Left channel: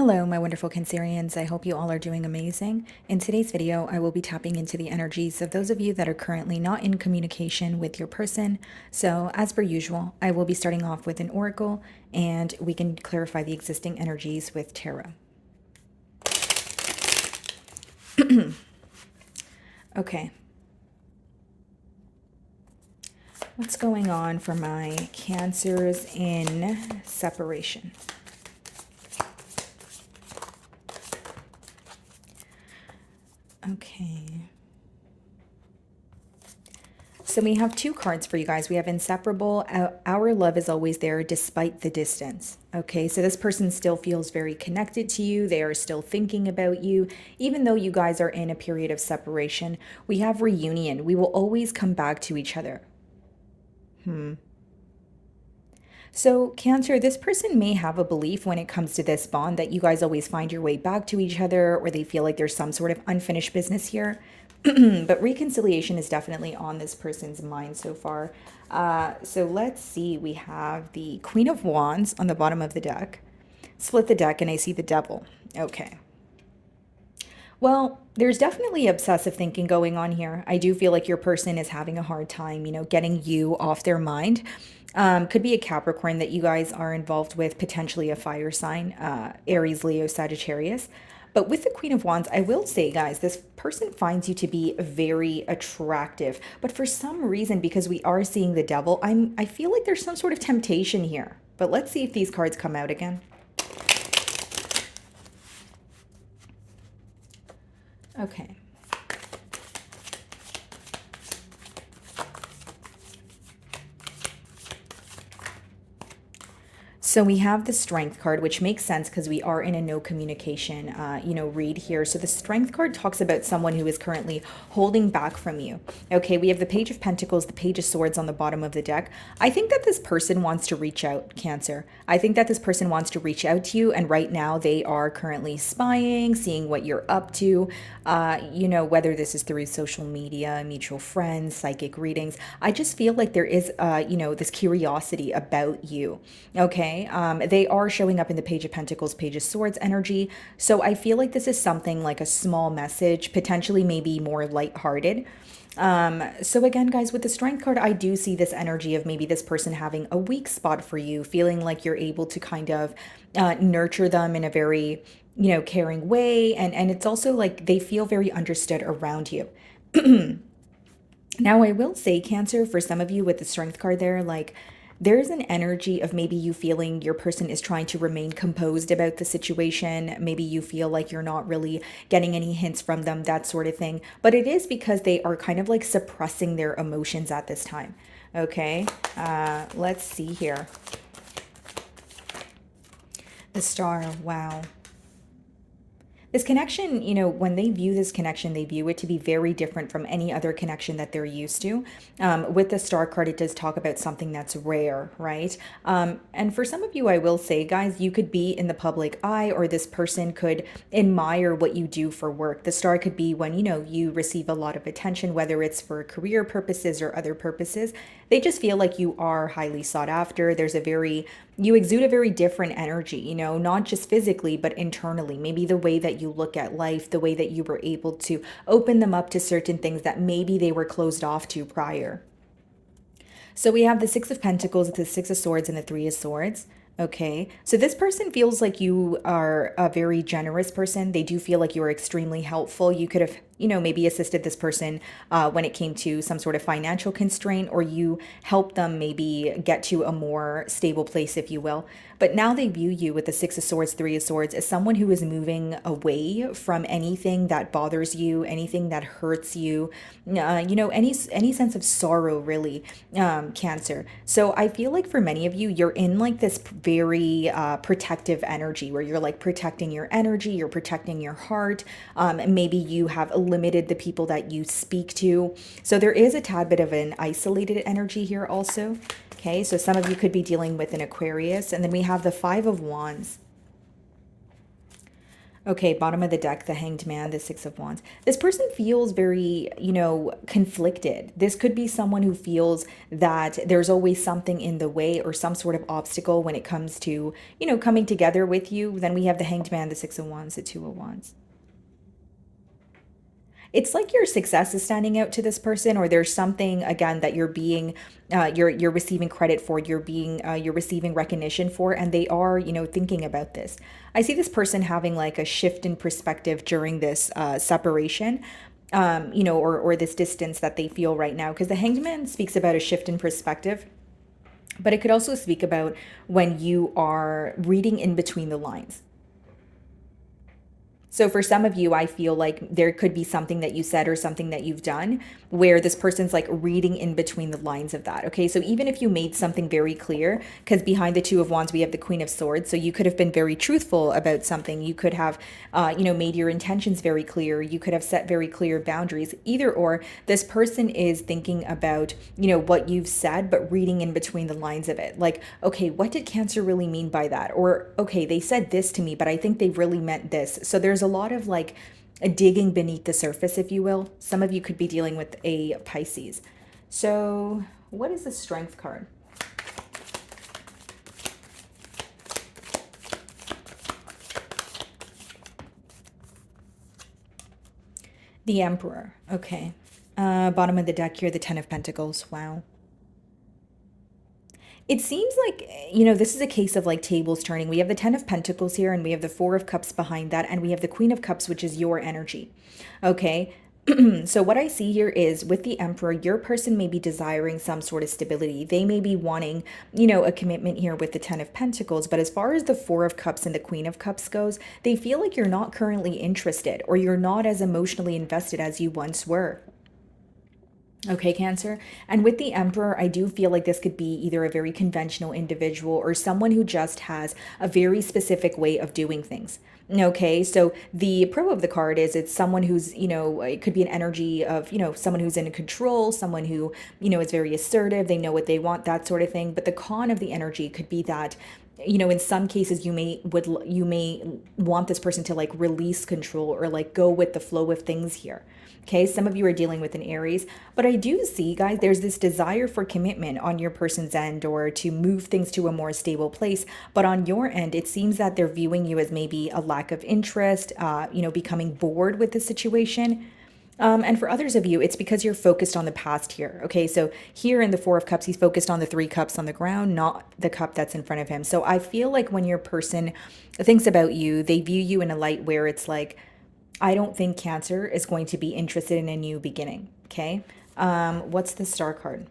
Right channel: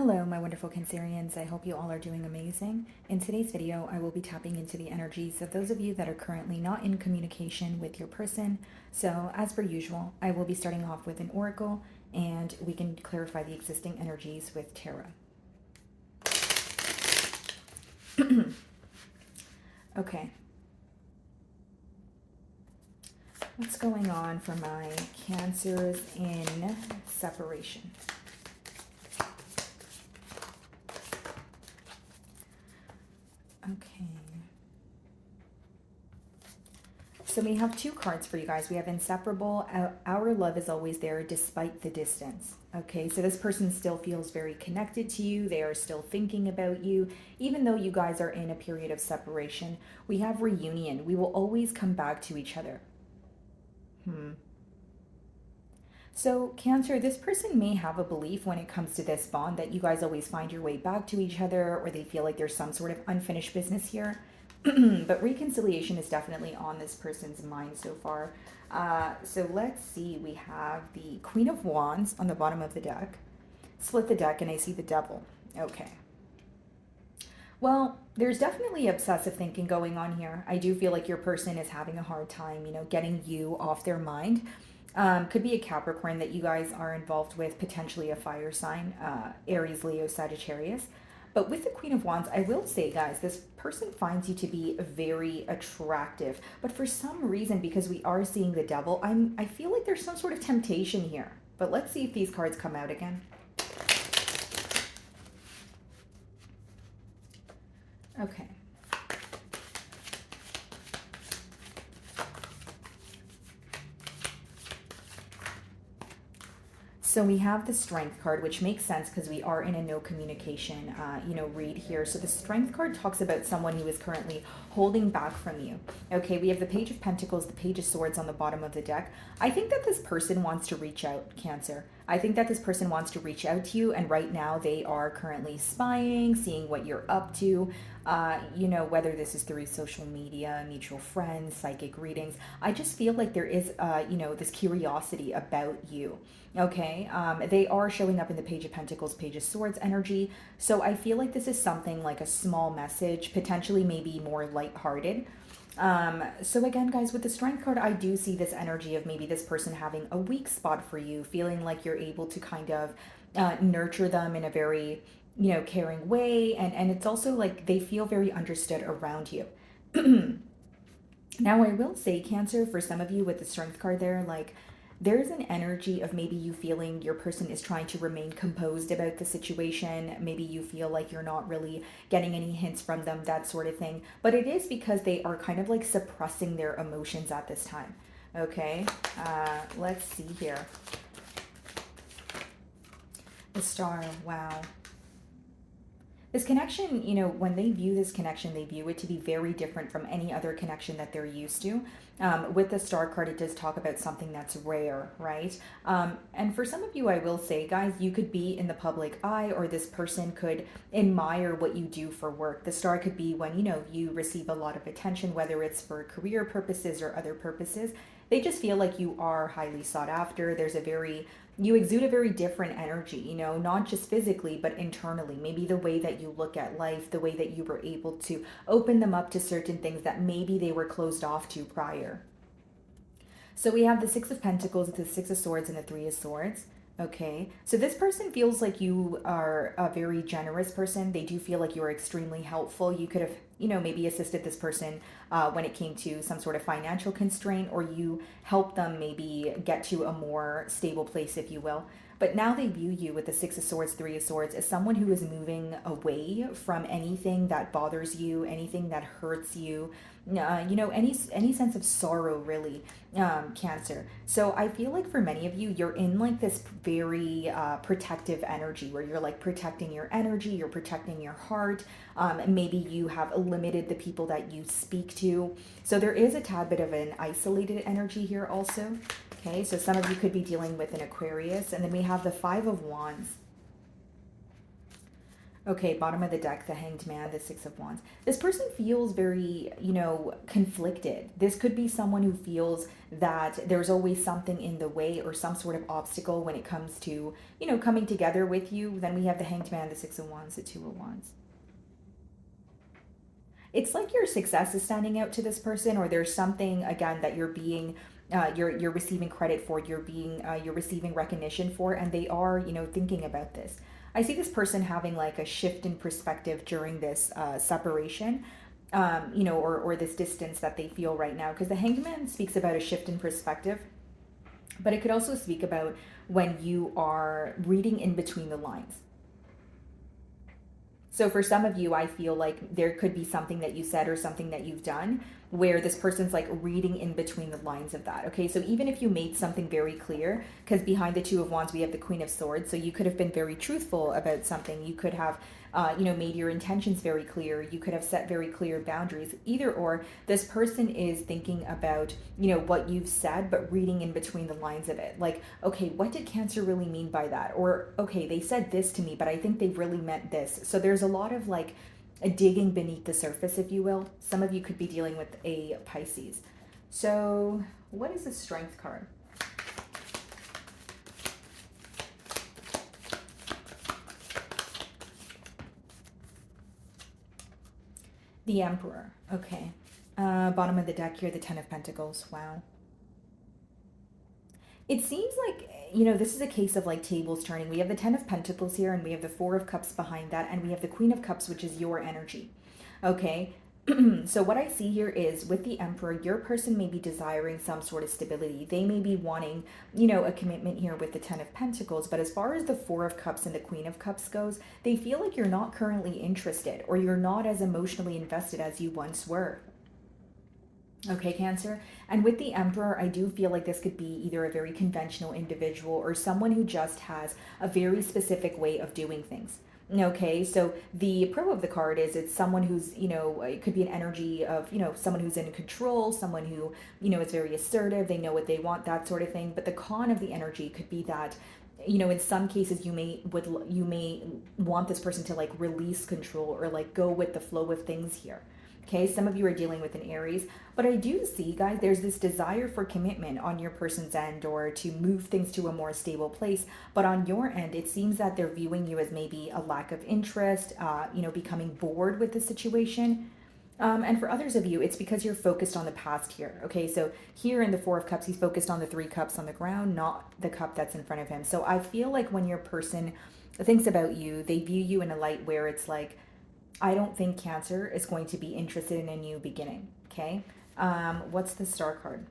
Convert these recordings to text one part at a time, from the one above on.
Hello, my wonderful Cancerians. I hope you all are doing amazing. In today's video, I will be tapping into the energies of those of you that are currently not in communication with your person. So, as per usual, I will be starting off with an oracle and we can clarify the existing energies with tarot. Okay. What's going on for my Cancers in separation? Okay. So we have two cards for you guys. We have inseparable. Our love is always there despite the distance. Okay, so this person still feels very connected to you. They are still thinking about you. Even though you guys are in a period of separation, we have reunion. We will always come back to each other. So, Cancer, this person may have a belief when it comes to this bond that you guys always find your way back to each other, or they feel like there's some sort of unfinished business here. But reconciliation is definitely on this person's mind so far. So let's see. We have the Queen of Wands on the bottom of the deck. Split the deck and I see the Devil. Okay. Well, there's definitely obsessive thinking going on here. I do feel like your person is having a hard time, getting you off their mind. Could be a Capricorn that you guys are involved with, potentially a fire sign, Aries, Leo, Sagittarius. But with the Queen of Wands, I will say, guys, this person finds you to be very attractive. But for some reason, because we are seeing the Devil, I feel like there's some sort of temptation here. But let's see if these cards come out again. Okay. So we have the Strength card, which makes sense because we are in a no communication, read here. So the Strength card talks about someone who is currently holding back from you. Okay, we have the Page of Pentacles, the Page of Swords on the bottom of the deck. I think that this person wants to reach out, Cancer. I think that this person wants to reach out to you, and right now they are currently spying, seeing what you're up to. Whether this is through social media, mutual friends, psychic readings. I just feel like there is, this curiosity about you. Okay, they are showing up in the Page of Pentacles, Page of Swords energy. So I feel like this is something like a small message, potentially maybe more lighthearted. So again, guys, with the Strength card, I do see this energy of maybe this person having a weak spot for you, feeling like you're able to kind of nurture them in a very, caring way. And it's also like they feel very understood around you. Now, I will say, Cancer, for some of you with the Strength card there, like there's an energy of maybe you feeling your person is trying to remain composed about the situation. Maybe you feel like you're not really getting any hints from them, that sort of thing. But it is because they are kind of like suppressing their emotions at this time. Okay, let's see here. The Star, wow. This connection, when they view this connection, they view it to be very different from any other connection that they're used to. With the Star card, it does talk about something that's rare, right? And for some of you, I will say, guys, you could be in the public eye, or this person could admire what you do for work. The Star could be when, you receive a lot of attention, whether it's for career purposes or other purposes. They just feel like you are highly sought after. You exude a very different energy, not just physically, but internally. Maybe the way that you look at life, the way that you were able to open them up to certain things that maybe they were closed off to prior. So we have the Six of Pentacles, the Six of Swords, and the Three of Swords. Okay, so this person feels like you are a very generous person. They do feel like you are extremely helpful. You could have, maybe assisted this person when it came to some sort of financial constraint, or you helped them maybe get to a more stable place, if you will. But now they view you with the Six of Swords, Three of Swords as someone who is moving away from anything that bothers you, anything that hurts you, any sense of sorrow, really, Cancer. So I feel like for many of you, you're in like this very protective energy where you're like protecting your energy, you're protecting your heart. Maybe you have limited the people that you speak to. So there is a tad bit of an isolated energy here also. Okay, so some of you could be dealing with an Aquarius. And then we have the Five of Wands. Okay, bottom of the deck, the Hanged Man, the Six of Wands. This person feels very, conflicted. This could be someone who feels that there's always something in the way or some sort of obstacle when it comes to, coming together with you. Then we have the Hanged Man, the Six of Wands, the Two of Wands. It's like your success is standing out to this person, or there's something again that you're being you're receiving credit for, you're receiving recognition for, and they are, thinking about this. I see this person having like a shift in perspective during this separation, or this distance that they feel right now, because the Hanged Man speaks about a shift in perspective, but it could also speak about when you are reading in between the lines. So for some of you, I feel like there could be something that you said or something that you've done where this person's like reading in between the lines of that. Okay. So even if you made something very clear, because behind the Two of Wands, we have the Queen of Swords. So you could have been very truthful about something. You could have, made your intentions very clear. You could have set very clear boundaries. Either or, this person is thinking about, what you've said, but reading in between the lines of it. Like, okay, what did Cancer really mean by that? Or, okay, they said this to me, but I think they really meant this. So there's a lot of like a digging beneath the surface, if you will. Some of you could be dealing with a Pisces. So what is the Strength card? The Emperor. Okay. Bottom of the deck here, the Ten of Pentacles. Wow. It seems like, this is a case of like tables turning. We have the Ten of Pentacles here, and we have the Four of Cups behind that, and we have the Queen of Cups, which is your energy. Okay. So what I see here is with the Emperor, your person may be desiring some sort of stability. They may be wanting, a commitment here with the Ten of Pentacles. But as far as the Four of Cups and the Queen of Cups goes, they feel like you're not currently interested, or you're not as emotionally invested as you once were. Okay, Cancer. And with the Emperor, I do feel like this could be either a very conventional individual or someone who just has a very specific way of doing things. Okay, so the pro of the card is it's someone who's, it could be an energy of, someone who's in control, someone who, is very assertive, they know what they want, that sort of thing. But the con of the energy could be that, in some cases you may want this person to like release control or like go with the flow of things here. Okay, some of you are dealing with an Aries, but I do see, guys, there's this desire for commitment on your person's end, or to move things to a more stable place. But on your end, it seems that they're viewing you as maybe a lack of interest, becoming bored with the situation. And for others of you, it's because you're focused on the past here. Okay, so here in the Four of Cups, he's focused on the Three Cups on the ground, not the cup that's in front of him. So I feel like when your person thinks about you, they view you in a light where it's like, I don't think Cancer is going to be interested in a new beginning. Okay. What's the Star card?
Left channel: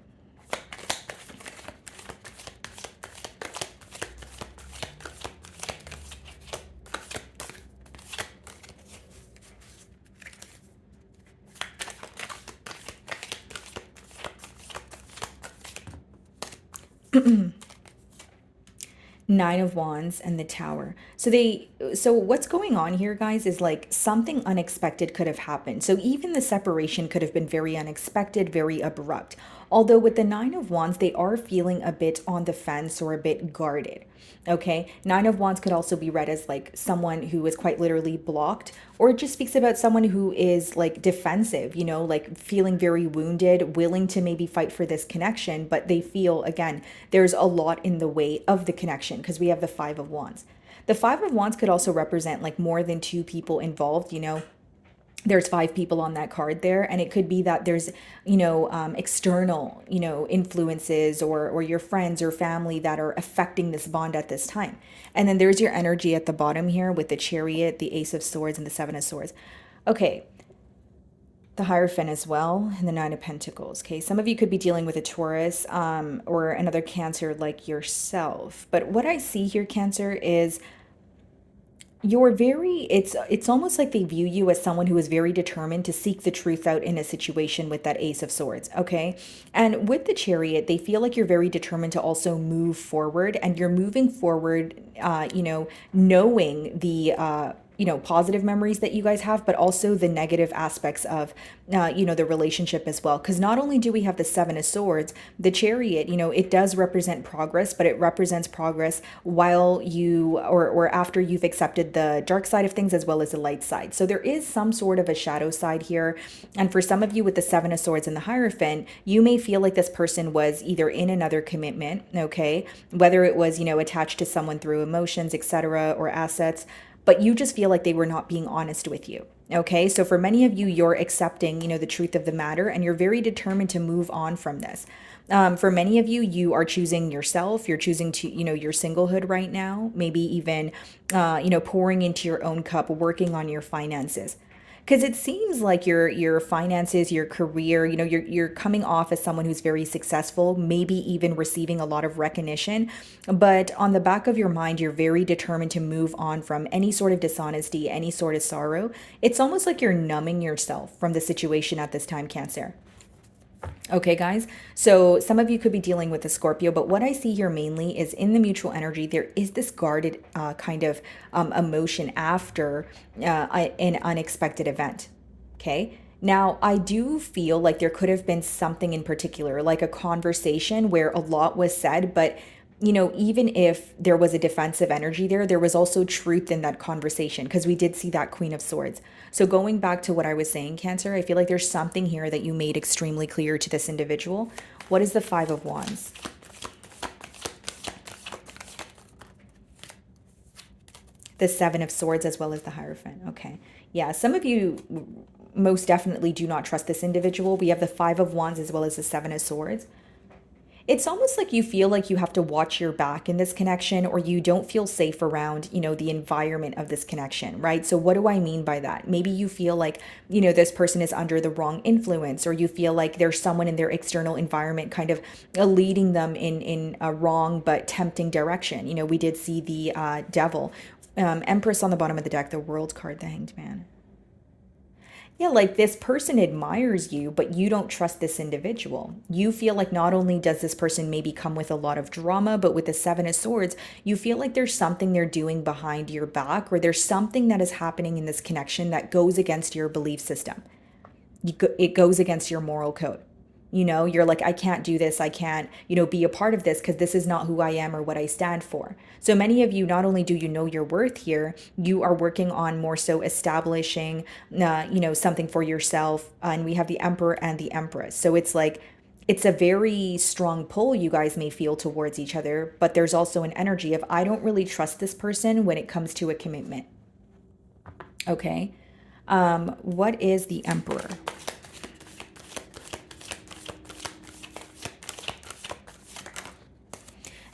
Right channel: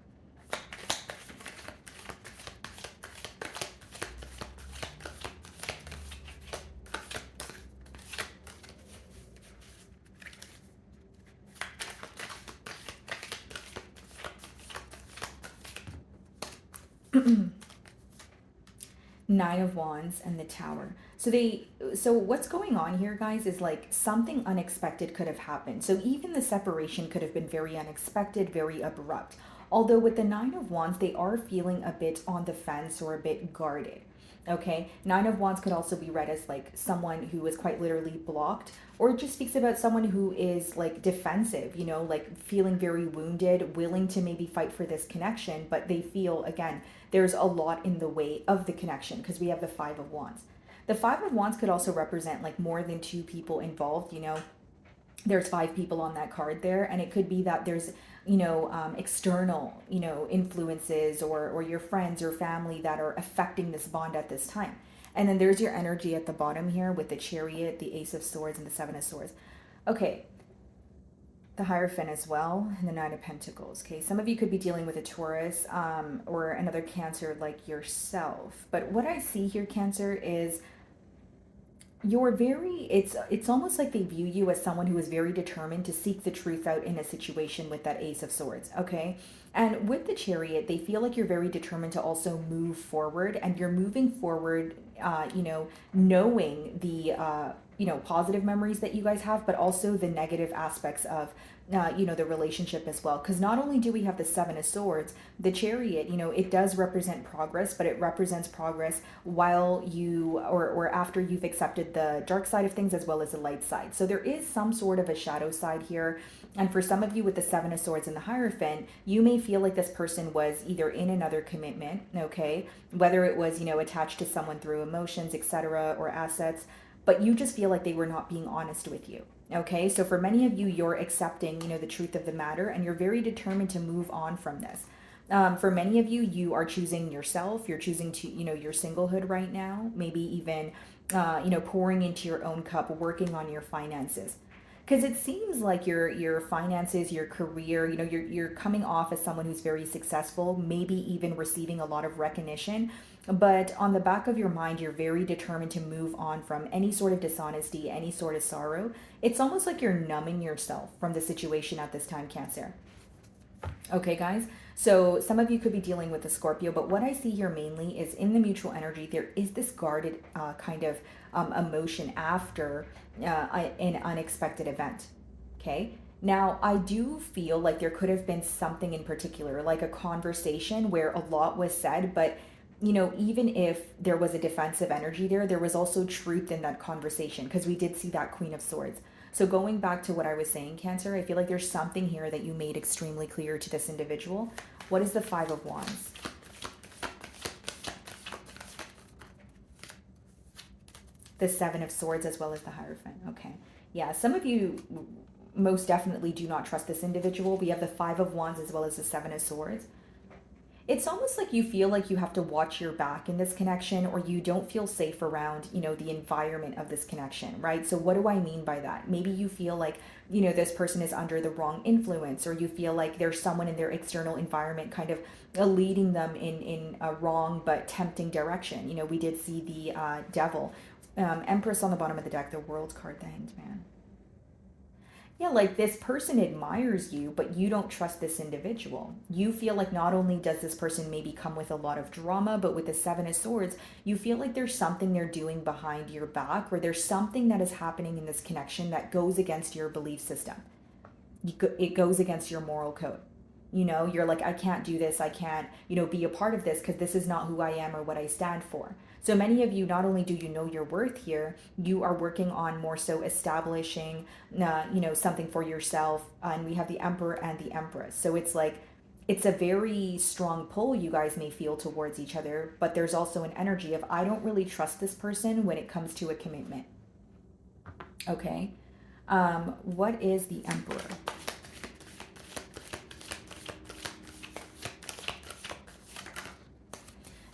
Nine of Wands and the Tower. So what's going on here, guys, is like something unexpected could have happened. So even the separation could have been very unexpected, very abrupt. Although with the Nine of Wands, they are feeling a bit on the fence or a bit guarded. Okay, Nine of Wands could also be read as like someone who is quite literally blocked, or it just speaks about someone who is like defensive, like feeling very wounded, willing to maybe fight for this connection, but they feel, again, there's a lot in the way of the connection because we have the Five of Wands. The Five of Wands could also represent like more than two people involved. There's five people on that card there, and it could be that there's external influences, or your friends or family that are affecting this bond at this time. And then there's your energy at the bottom here with the Chariot, the Ace of Swords, and the Seven of Swords. Okay, the Hierophant as well, and the Nine of Pentacles. Okay, some of you could be dealing with a Taurus, or another Cancer like yourself. But what I see here, Cancer, is it's almost like they view you as someone who is very determined to seek the truth out in a situation with that Ace of Swords. Okay, and with the Chariot, they feel like you're very determined to also move forward, and you're moving forward, knowing positive memories that you guys have, but also the negative aspects of, the relationship as well. Because not only do we have the Seven of Swords, the Chariot, it does represent progress, but it represents progress while you, or after you've accepted the dark side of things as well as the light side. So there is some sort of a shadow side here. And for some of you with the Seven of Swords and the Hierophant, you may feel like this person was either in another commitment, okay, whether it was, attached to someone through emotions, etc., or assets, but you just feel like they were not being honest with you. Okay, so for many of you, you're accepting, the truth of the matter, and you're very determined to move on from this. For many of you, you are choosing yourself. You're choosing to, your singlehood right now. Maybe even, pouring into your own cup, working on your finances. Because it seems like your finances, your career, you're coming off as someone who's very successful, maybe even receiving a lot of recognition, but on the back of your mind, you're very determined to move on from any sort of dishonesty, any sort of sorrow. It's almost like you're numbing yourself from the situation at this time, Cancer. Okay, guys. So some of you could be dealing with a Scorpio, but what I see here mainly is in the mutual energy, there is this guarded kind of emotion after an unexpected event. Okay. Now, I do feel like there could have been something in particular, like a conversation where a lot was said, but even if there was a defensive energy there was also truth in that conversation because we did see that Queen of Swords. So going back to what I was saying, Cancer, I feel like there's something here that you made extremely clear to this individual. What is the Five of Wands? The Seven of Swords as well as the Hierophant. Okay. Yeah, some of you most definitely do not trust this individual. We have the Five of Wands as well as the Seven of Swords. It's almost like you feel like you have to watch your back in this connection, or you don't feel safe around, the environment of this connection, right? So what do I mean by that? Maybe you feel like, this person is under the wrong influence, or you feel like there's someone in their external environment kind of leading them in a wrong but tempting direction. We did see the Devil, Empress on the bottom of the deck, the World card, the Hanged Man. Yeah, like this person admires you, but you don't trust this individual. You feel like not only does this person maybe come with a lot of drama, but with the Seven of Swords, you feel like there's something they're doing behind your back, or there's something that is happening in this connection that goes against your belief system. It goes against your moral code. You're like, I can't do this. I can't, be a part of this because this is not who I am or what I stand for. So many of you, not only do you know your worth here, you are working on more so establishing, something for yourself. And we have the Emperor and the Empress. So it's like, it's a very strong pull you guys may feel towards each other, but there's also an energy of, I don't really trust this person when it comes to a commitment. Okay. What is the Emperor?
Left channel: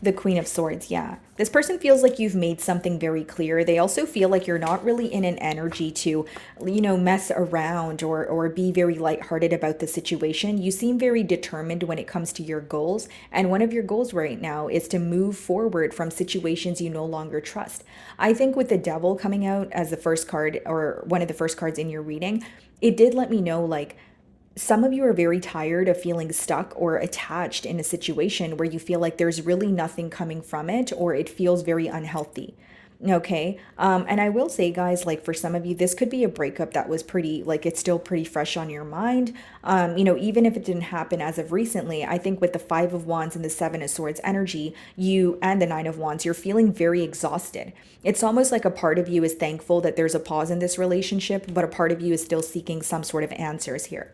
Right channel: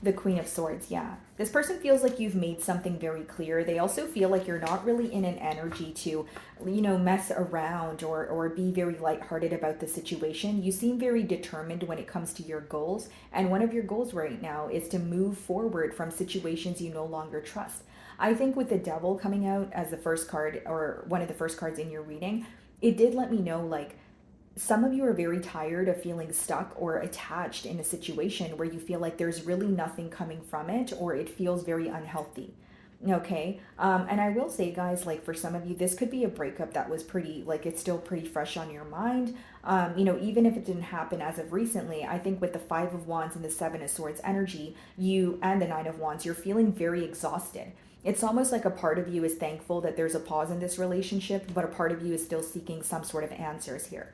The Queen of Swords, yeah. This person feels like you've made something very clear. They also feel like you're not really in an energy to, mess around or be very lighthearted about the situation. You seem very determined when it comes to your goals. And one of your goals right now is to move forward from situations you no longer trust. I think with the Devil coming out as the first card, or one of the first cards in your reading, it did let me know, like, some of you are very tired of feeling stuck or attached in a situation where you feel like there's really nothing coming from it, or it feels very unhealthy. Okay. And I will say, guys, like for some of you, this could be a breakup that was pretty, like it's still pretty fresh on your mind. Even if it didn't happen as of recently, I think with the Five of Wands and the Seven of Swords energy, you and the Nine of Wands, you're feeling very exhausted. It's almost like a part of you is thankful that there's a pause in this relationship, but a part of you is still seeking some sort of answers here.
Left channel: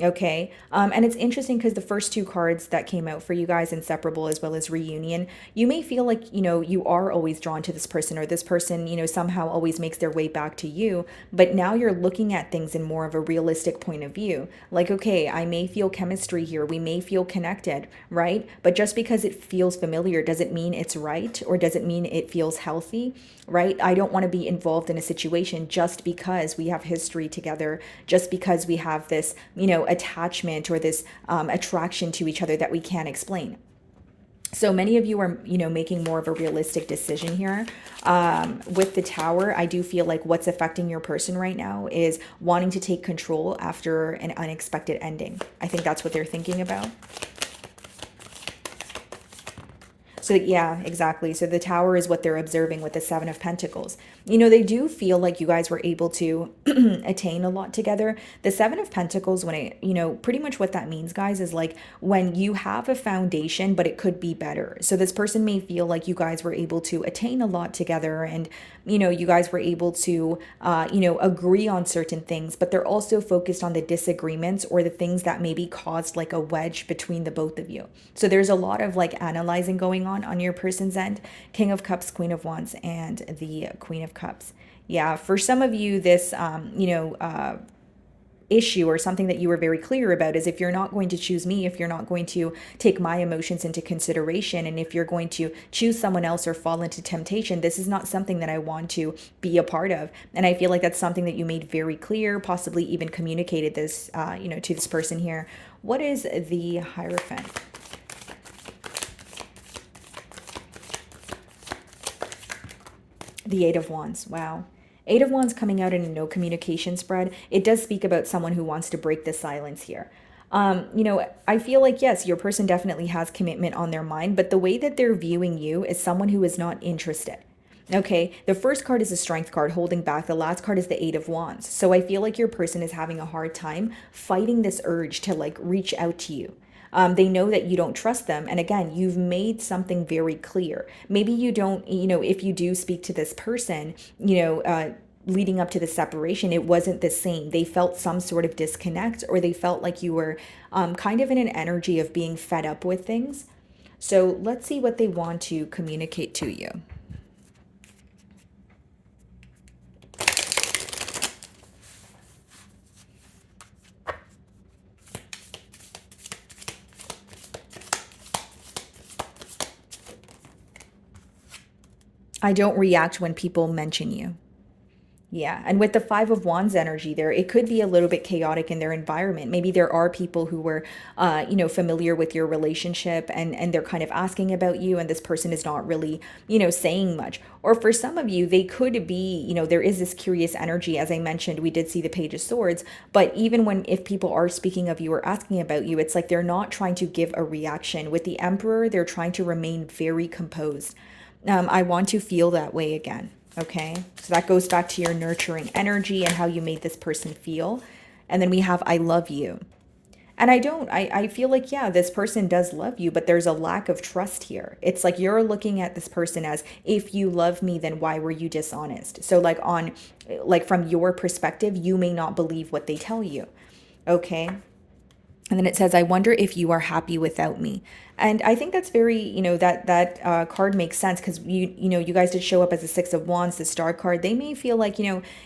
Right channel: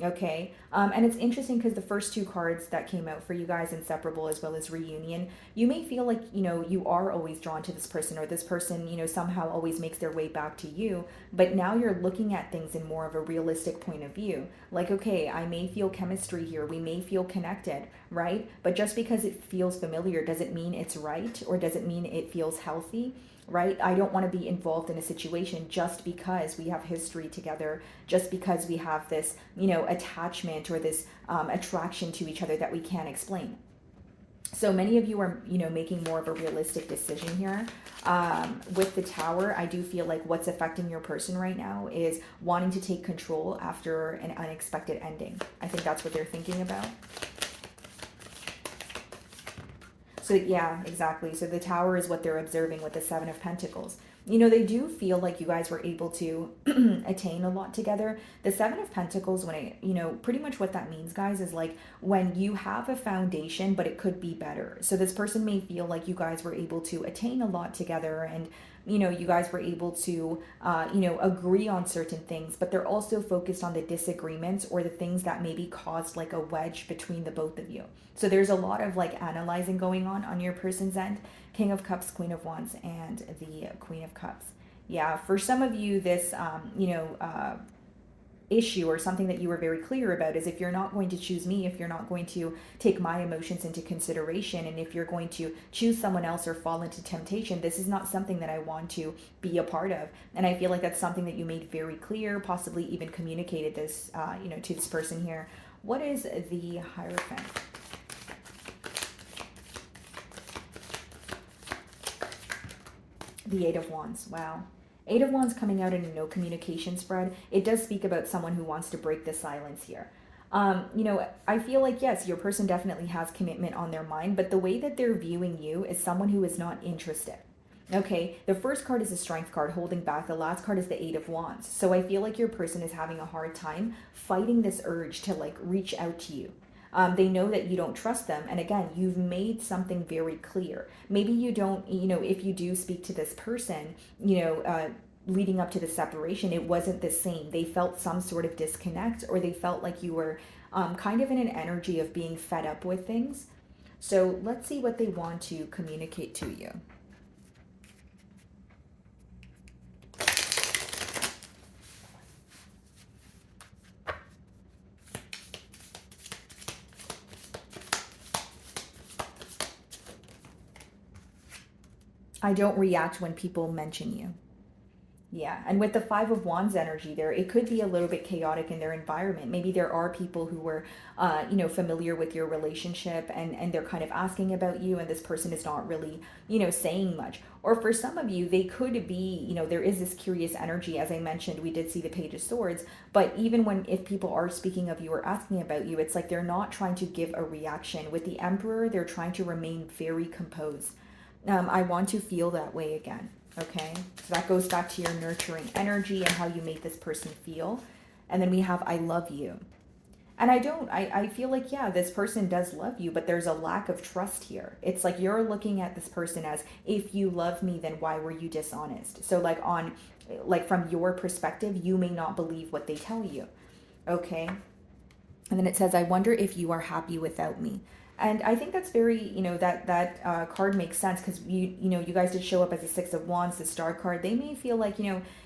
Okay. And it's interesting because the first two cards that came out for you guys, Inseparable as well as Reunion, you may feel like, you are always drawn to this person, or this person, somehow always makes their way back to you. But now you're looking at things in more of a realistic point of view. Like, okay, I may feel chemistry here. We may feel connected, right? But just because it feels familiar, does it mean it's right? Or does it mean it feels healthy? Right? I don't want to be involved in a situation just because we have history together, just because we have this, attachment or this attraction to each other that we can't explain. So many of you are, making more of a realistic decision here. With the Tower, I do feel like what's affecting your person right now is wanting to take control after an unexpected ending. I think that's what they're thinking about. So yeah, exactly. So the Tower is what they're observing with the Seven of Pentacles. They do feel like you guys were able to attain a lot together. The Seven of Pentacles, when pretty much what that means, guys, is like when you have a foundation, but it could be better. So this person may feel like you guys were able to attain a lot together, and you guys were able to agree on certain things, but they're also focused on the disagreements or the things that maybe caused like a wedge between the both of you. So there's a lot of like analyzing going on your person's end. King of Cups, Queen of Wands, and the Queen of Cups. Yeah, for some of you, this issue or something that you were very clear about is, if you're not going to choose me, if you're not going to take my emotions into consideration, and if you're going to choose someone else or fall into temptation, this is not something that I want to be a part of. And I feel like that's something that you made very clear, possibly even communicated this to this person here. What is the Hierophant? The Eight of Wands. Wow. Eight of Wands coming out in a no communication spread. It does speak about someone who wants to break the silence here. I feel like, yes, your person definitely has commitment on their mind, but the way that they're viewing you is someone who is not interested. Okay, the first card is a Strength card holding back. The last card is the Eight of Wands. So I feel like your person is having a hard time fighting this urge to like reach out to you. They know that you don't trust them. And again, you've made something very clear. Maybe you don't, if you do speak to this person, leading up to the separation, it wasn't the same. They felt some sort of disconnect, or they felt like you were kind of in an energy of being fed up with things. So let's see what they want to communicate to you. I don't react when people mention you. Yeah, and with the Five of Wands energy there, it could be a little bit chaotic in their environment. Maybe there are people who were, familiar with your relationship, and they're kind of asking about you, and this person is not really, saying much. Or for some of you, they could be, there is this curious energy. As I mentioned, we did see the Page of Swords, but even if people are speaking of you or asking about you, it's like they're not trying to give a reaction. With the Emperor, they're trying to remain very composed. I want to feel that way again. Okay, so that goes back to your nurturing energy and how you made this person feel. And then we have I love you. And I feel like, yeah, this person does love you, but there's a lack of trust here. It's like you're looking at this person as, if you love me, then why were you dishonest? So like from your perspective, you may not believe what they tell you. Okay. And then it says, I wonder if you are happy without me. And I think that's very, that card makes sense, because you guys did show up as a Six of Wands, the Star card. They may feel like,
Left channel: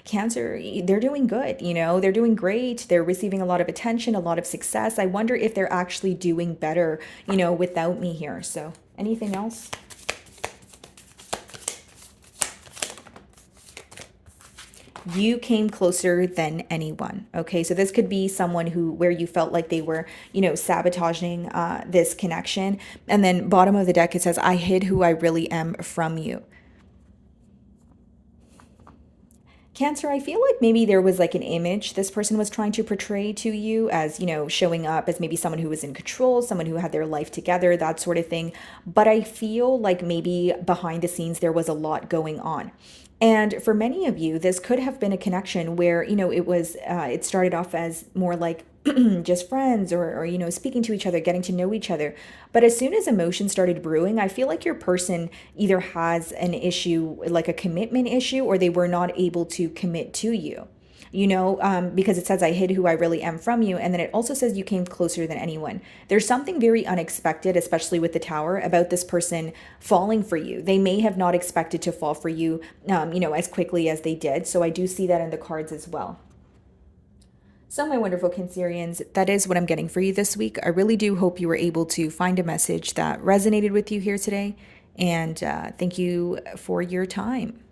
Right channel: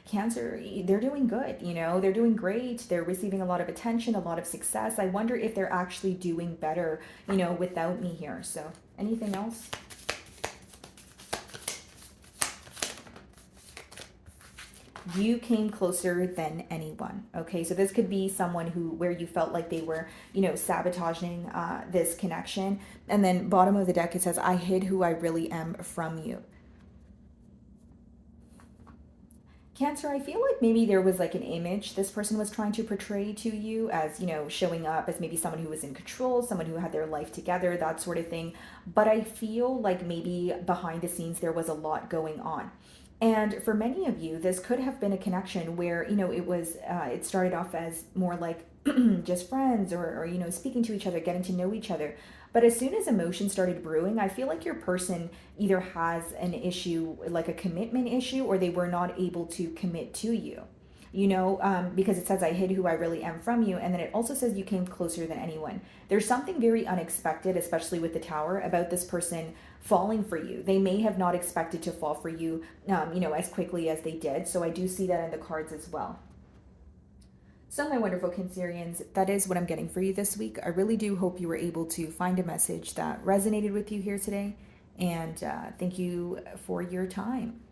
Cancer, they're doing good, they're doing great. They're receiving a lot of attention, a lot of success. I wonder if they're actually doing better, without me here. So anything else? You came closer than anyone. Okay, so this could be someone where you felt like they were, sabotaging this connection. And then bottom of the deck, it says, I hid who I really am from you. Cancer, I feel like maybe there was like an image this person was trying to portray to you as, showing up as maybe someone who was in control, someone who had their life together, that sort of thing. But I feel like maybe behind the scenes there was a lot going on. And for many of you, this could have been a connection where, it started off as more like just friends, or speaking to each other, getting to know each other. But as soon as emotions started brewing, I feel like your person either has an issue, like a commitment issue, or they were not able to commit to you. Because it says, I hid who I really am from you. And then it also says you came closer than anyone. There's something very unexpected, especially with the Tower, about this person falling for you. They may have not expected to fall for you, as quickly as they did. So I do see that in the cards as well. So my wonderful Cancerians, that is what I'm getting for you this week. I really do hope you were able to find a message that resonated with you here today. And thank you for your time.